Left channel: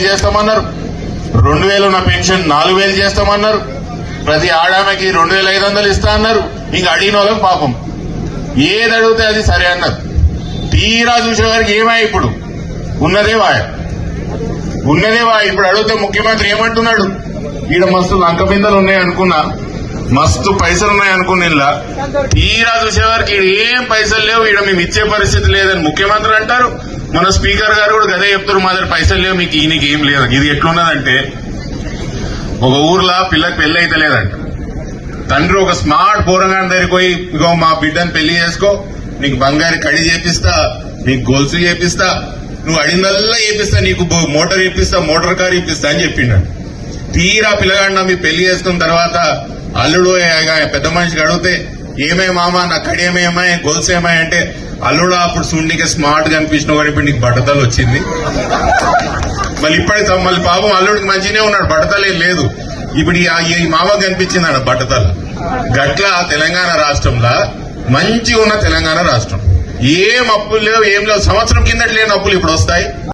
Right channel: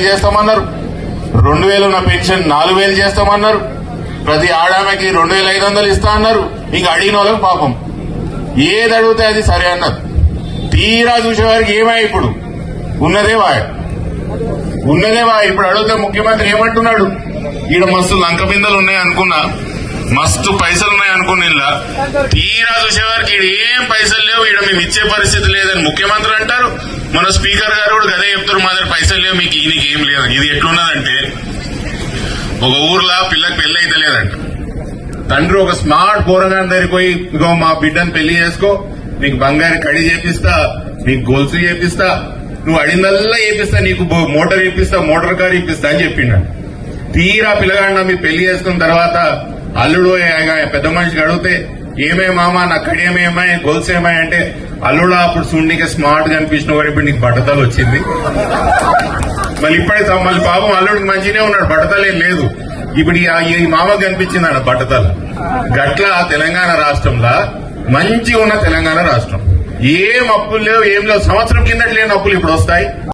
3000 చేస్తామన్నారు. 2000 ఉన్న పెన్షన్ 4000 చేస్తామన్నారు. ప్రతి ఆడామెకి 2500 ఇస్తా అన్నారు. ఇంకా అడిగిన వాళ్ళకి పాపం ఏది అడిగితే అది సరే అన్నారు. తీరా చూసేవారికి ఏమై ఇప్పుడు ఉన్నదే వాడు ఇప్పుడు అడిగితే ముఖ్యమంత్రి ఏమంటున్నాడు, ఈడ మస్తు లంక బిందెలు ఉన్నాయి అనుకున్నా, మస్తు పైసలు ఉన్నాయి అనుకున్నా, తీరా చూసేవారికి ఈడ ఏం పైసలు లేవు, ఈడ మేము ఇచ్చే పరిస్థితి లేదని ముఖ్యమంత్రి అంటారు. మన స్పీకర్ గారు కూడా గదే చెప్తారు, మా దగ్గర పైసలు లేవు, మీకు ఈయనకి ఏం లేదు. ఇది ఎట్లున్నదంటే ఒక ఊర్లో పిల్లకి పెళ్లి అయితే లేదంట. తండ్రి ఒక స్మార్ట్ పోరగాని దగ్గరికి పోయి, ఇగో మా బిడ్డను పెళ్లి చేసుకో, నీకు బంగారు కడి చేపిస్తా, నీకు గొలుసు చేపిస్తా, నువ్వు అడిగిందల్లా చేపిస్తా, నీకు మోటార్ చేపిస్తా, మోటార్ కార్ చేపిస్తా అని చెప్పిండు. తీరా పిల్లగాడిన మీరు పెళ్లి చేసుకున్న తర్వాత అల్లుడు పెద్ద మనిషికి అడిగితే ఏమే మామ నా కడేమేమాయి గొలుసు ఏమాయి అంటే, అల్లుడు అప్పుడు చూడనీకి స్మార్ట్ గా అనిపించిన కానీ ఇప్పుడు నీకు బట్టతలు వచ్చింది. మళ్ళీ పాపం అల్లుడికి మంచిగానే ఉన్నాడు, బట్టతలు ఏం లేదు. ఇప్పుడు ఈ మామకి కనిపించింది అన్న బట్టతలు. గట్ల తెలంగాణ రాష్ట్రంలో మంచిగా ఉన్న తెలంగాణ రాష్ట్రం ఏం అప్పులు లేవు, ఏం లేవు. సంవత్సరం కిందటి లేని అప్పులు ఇప్పుడు వస్తాయి.